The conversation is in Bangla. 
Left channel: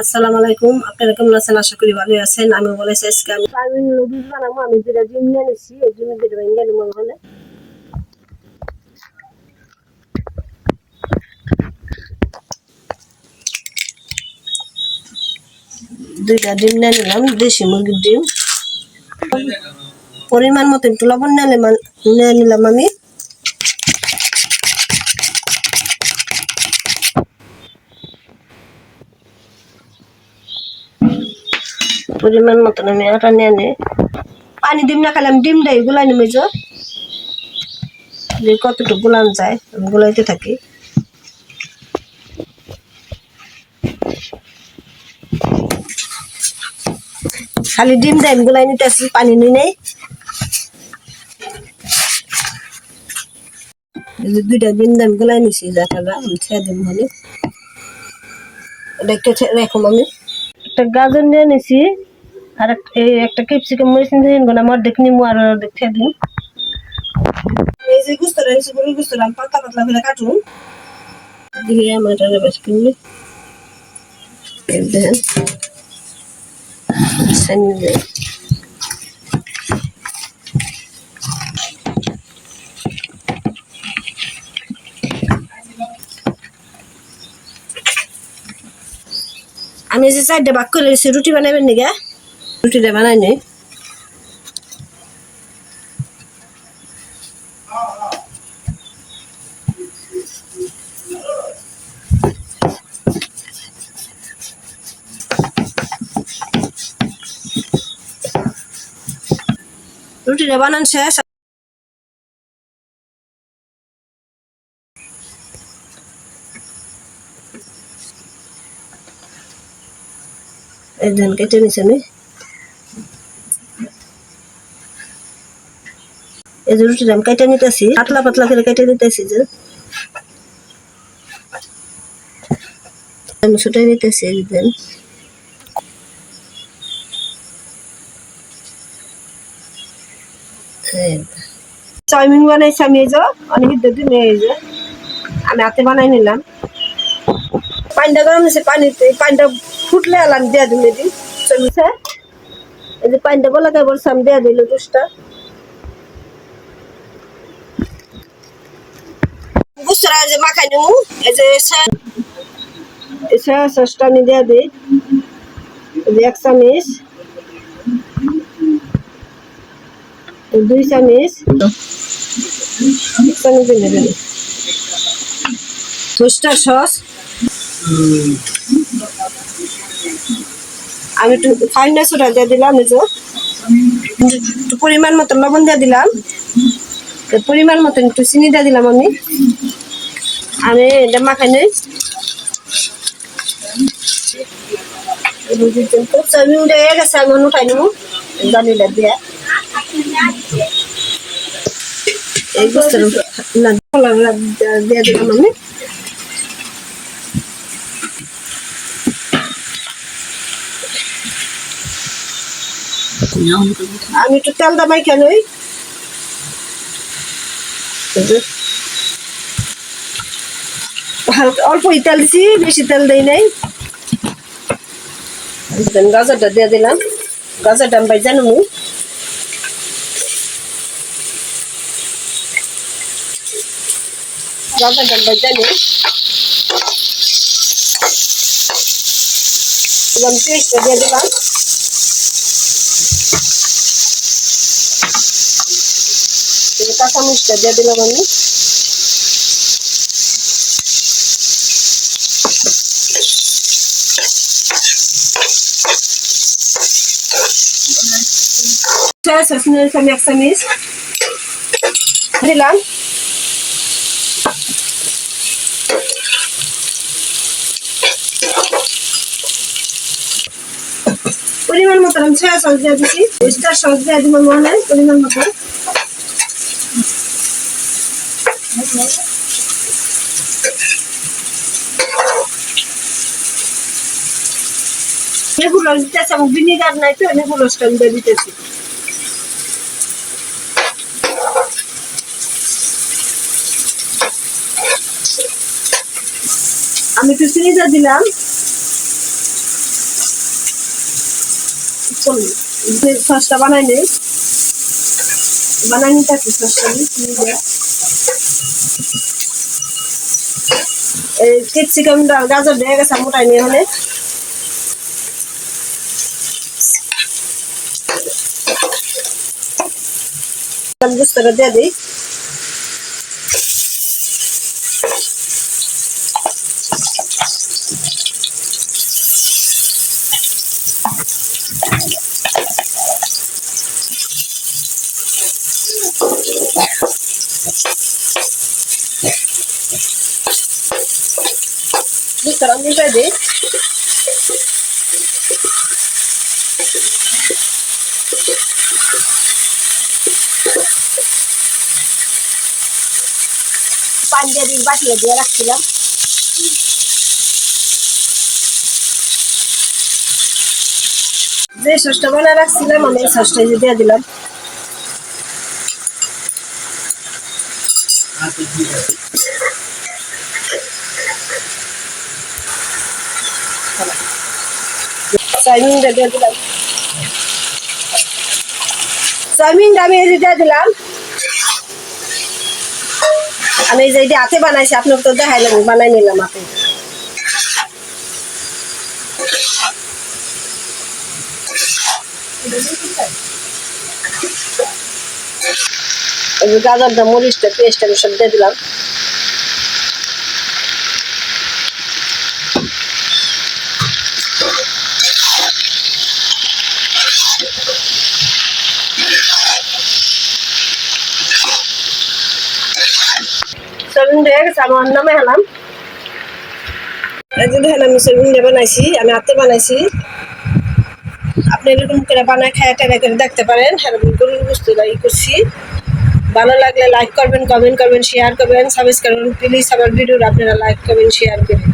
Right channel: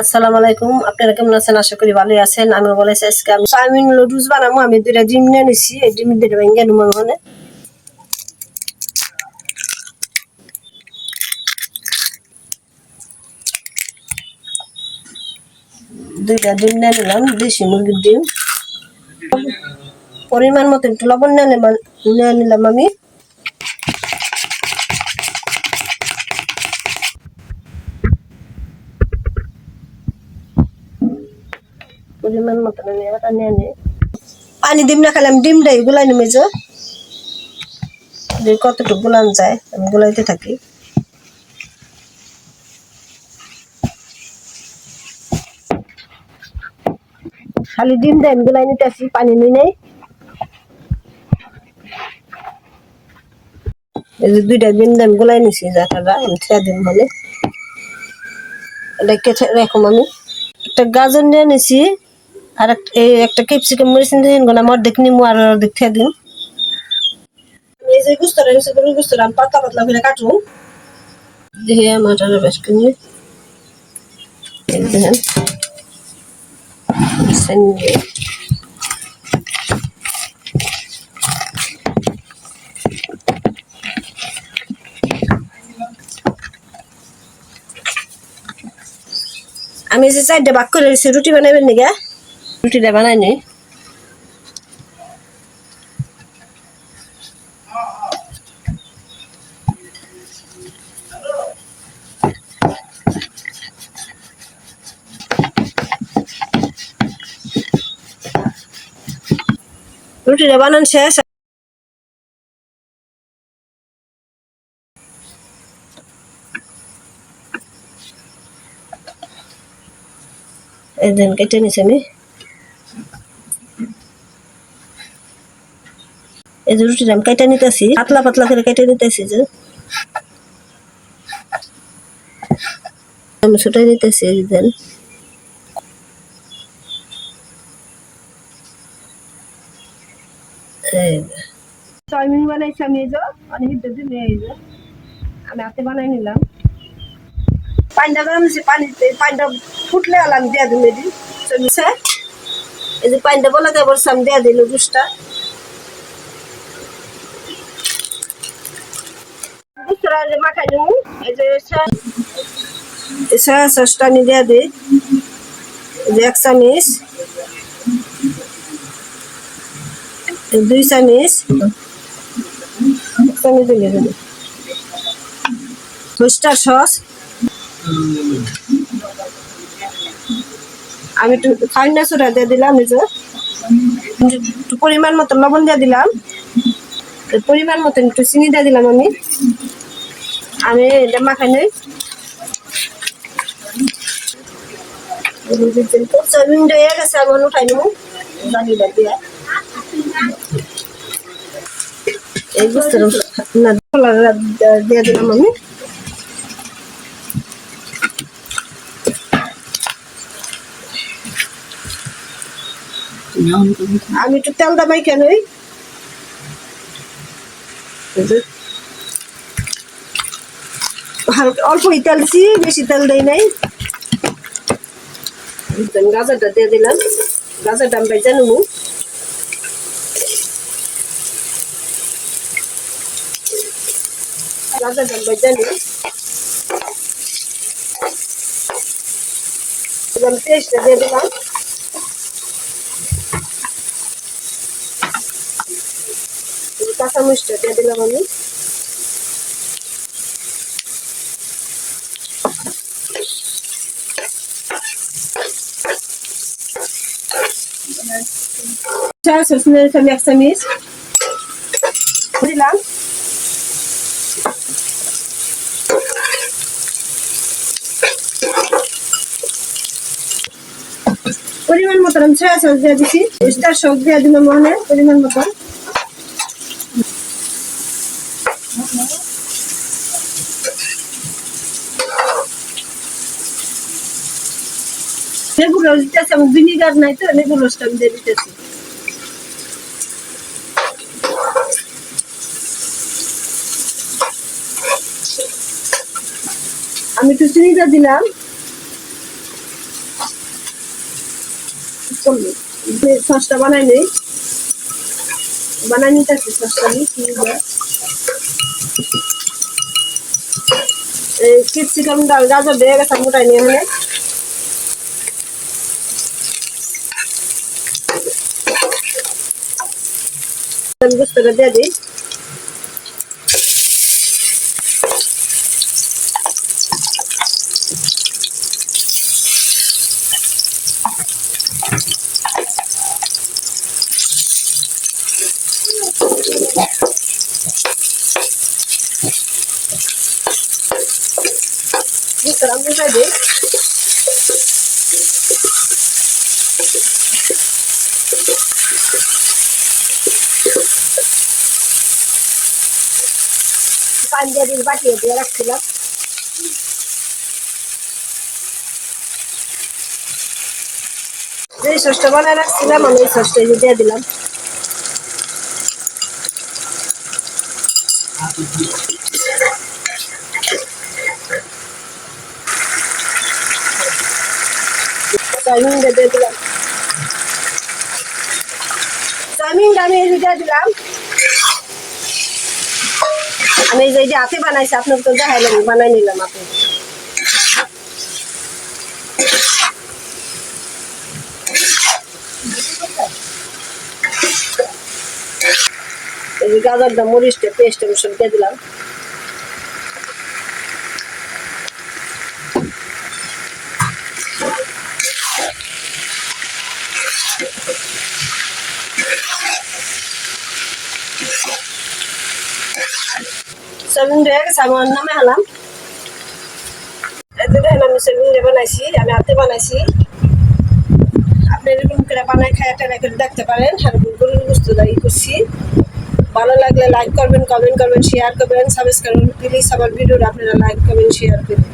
আসসালামু আলাইকুম। আপনারা কেমন আছেন? আশা করি ভালোই আছেন। আমি বলেছি আজকে আমি চাউমিন লুডুস বানাবো। আমি দুইটা ডিম নিয়ে নিছি। এই ডিম দুটো ভেঙে নেব ওখানে দুইটা ডিম নিয়ে নিলাম। দেশি মুরগির ডিম। পরিমাণ মতো একটু লবণ নিয়ে নিলাম আমি। পরিমাণ মতন আমি আটা নিয়ে নে পানি ডিম না, খেলে আমি ডিমটাই গুলাই নেমে যা। কতটুকু গুলান যায়, আমি গুলাইতে থাকি। খালি ডিম আমি গুলাই নিতে আসি, পানি নিয়ে নেই। এই যে দুইটা ডিম দাম গুলাই নিছি যাটারা আমি ছেড়ে দিন মানে। এটা রাখুন আমি। একটা গাজর নিয়ে নিছি। আর এই একটা ক্যাপসিকাম মরিচ নিয়ে নিন আমার দেখ নিমু আর দেখে দিন। এই যে গুস্তরা গরুর গুস্তরা, আমি পাতলা পাতলা করে কাটুন দেখি আমার বেশ কিনি। আমি যে চারটে ভাগ করে রুটি বানাবেন নাকি? রুটিটা বানাই নি রুটিটা বানান শেষ। এই দেন কেটে নিছি আমি। এই যে রুটিটা আমি কেটে নিতেছি, পাতলা পাতলা করে কেটে নিতেছি যে। আমি ছুটাই নিতেছি দেন। চাউমিন বানাইছি আমি এই যে, অনেক দিন এই যে। আমি হাতে বানাই নিলাম। পানিটা গরম হয়েছে পানিতে পানিটা ফুটলে আলাম, দেয়া দিন এটি চলছে। এই যে পানিটা বলা খাই বলছিলাম দেয়া দিল জুসটা। বুঝতে যে মাখাই নিমু এই যে সয়া- সসটা আমি দেয়া দিই যে এক চামিচ। দুই চামিচ। চামিচ দিলে দিল টস্টার সস। আমি একটু ফাইনা সোডা দিয়ে দিলাম, এই যে। পরিমাণ মতো লবণ দিয়ে দিলাম। পরিমাণ মতো একটু চিনি দিয়ে দিলাম আমি। আমি এটা মাখাই নেই। চাউমিন দিয়ে গেছে, আমি উঠাই নেব। জানিটা দিয়া। এই বুঝতে না দিয়ে দিলাম আমি। আমি একটু তেল দামাই কেন হালকা অল্পই তেল দিছি, বেশি তেল দেই নাই। দেন গাজরটা দিয়ে দিলাম। গাজরটা আমি ভাই জানো গাজরটা আমি ভাই জানি আমি পেস্টটা দিয়ে দিলাম। এই যে কাঁচামরিচটা দিয়ে দিলাম আমি। নিয়েছি আমি এক চামিচ দিলাম পরিমাণ মতো আমি সয়া সস দিয়ে দিছি। স্টার সস দিয়ে দিব মনে হয় পরিমাণ মতো। লেবু রস দিতেছি, আমার ভিনিগার নাই তো লেবু রসটা আমি দিয়ে দিতেছি। আমি একটু চিনিটা দিলাম। সসটা বানাই নেই। বানাই সসটা ক্যাপসিকাম গাজর দিয়ে গেছে, মোটাই নিয়ে মানে গুস্তটা দিয়ে দিই। পানি দিন বাটিয়ে দিয়ে রাখছিলাম। যে সসটা বানায় রাখছিলাম আমি এই যে দিলাম। দিয়ে দিলাম। চাউমিনটা দিয়ে দিলাম। আমি এই যে হাতে বানাইছি, আপনাকে তো দেখাইলাম, বানাই নিলাম আপনি গাজরটা, মরিচটা, পেস্টটা সব দিয়ে দিলাম। ডে বানাইছি, আমি হাতে বানাইছি। আপনি এরকম করে বানায় খায় করে দেখতে পারেন। হ্যাঁ গরুর বস্তু দায়ী করছি। ভালো লাগলে লাইক করবেন কমেন্ট করবেন শেয়ার করবেন সাবস্ক্রাইব করবেন। প্লিজ আমার ভিডিও আপনারা লাইক করবেন শেয়ার করবেন।